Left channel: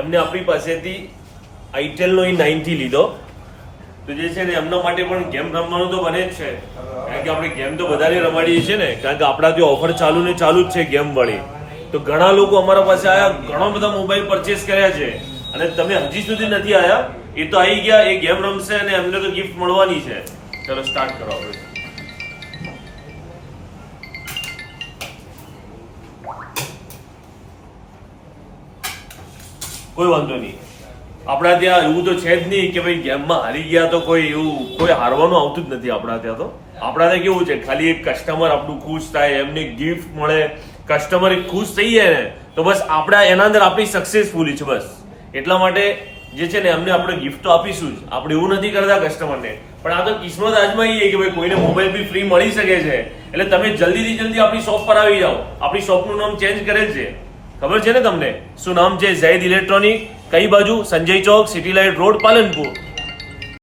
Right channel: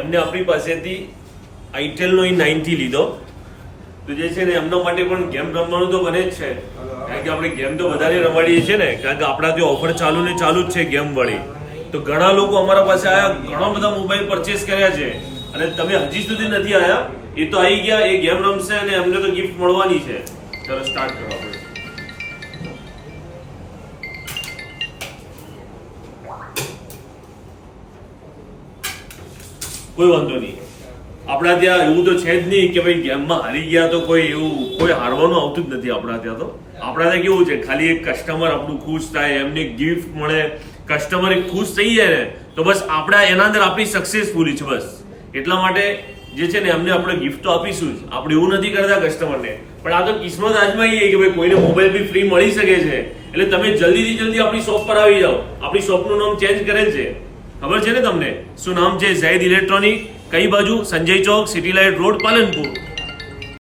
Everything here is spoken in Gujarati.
એમને આપણી પાસેથી આઈટેલનો i90 લીધો. તો જે છે ને એમના માટે પણ ગેમ રમવાનું તો બને જ છે, કારણ કે આપણે ગેમ તો બધાને રમાડીએ છીએ ને, કારણ કે આપણા ત્યાં ઓફર ચાલુ ને ચાલુ જ છે ગેમ વાળી. તો ઘણા લોકો અમારા પાસે આવ્યા, ઘણા બધા મોબાઈલ પરચેસ કર્યા છે, અને તમે હજી સુધી નથી આવ્યા, એ તો આવી ગયા, એ ગેમ રમશે અને એમને તો ગિફ્ટ મળવાની છે. ચલો સ્ટાર્ટ કરો આપણે. કોઈ વાંધો નહીં, આપણા ત્યાં એવું તો છે જ નહીં કે ભાઈ ગેમમાં હારી ગયા તો કોઈ એવું કોઈ હારવાનું આવતું જ નથી આપણા ત્યાં. તો આપણા ત્યાં કેવું છે, ખાલી એક કસ્ટમર આપણું ખુશ થાય, એમને ગિફ્ટ મળે, કસ્ટમર ખુશ થઈ જાય ને તો બસ આપણા એના અંદર આપણી સક્સેસફુલી છે બસ. એટલા માટે જે છે ને એમને આપણે ગિફ્ટ તો આપીશું જ, આપણે એવું નથી કરતા કસ્ટમરને, પણ આ તો કિસ્મત આજમાઈએ કે ભાઈ કોઈને મોબાઈલ બી ફ્રી મળી શકે છે. એટલે તમે જલ્દીથી જલ્દી આપણી શોપ પર આવી જાઓ. આપણી શોપનું નામ ચેન્જ કરેલ છે, ખબર છે ને તમને શું નામ છે? ઝૈદ ઇલેક્ટ્રોનિક. કઈ બાજુ? સંજય ચોક, સિટી લાઇટ રોડ, પાલનપુર.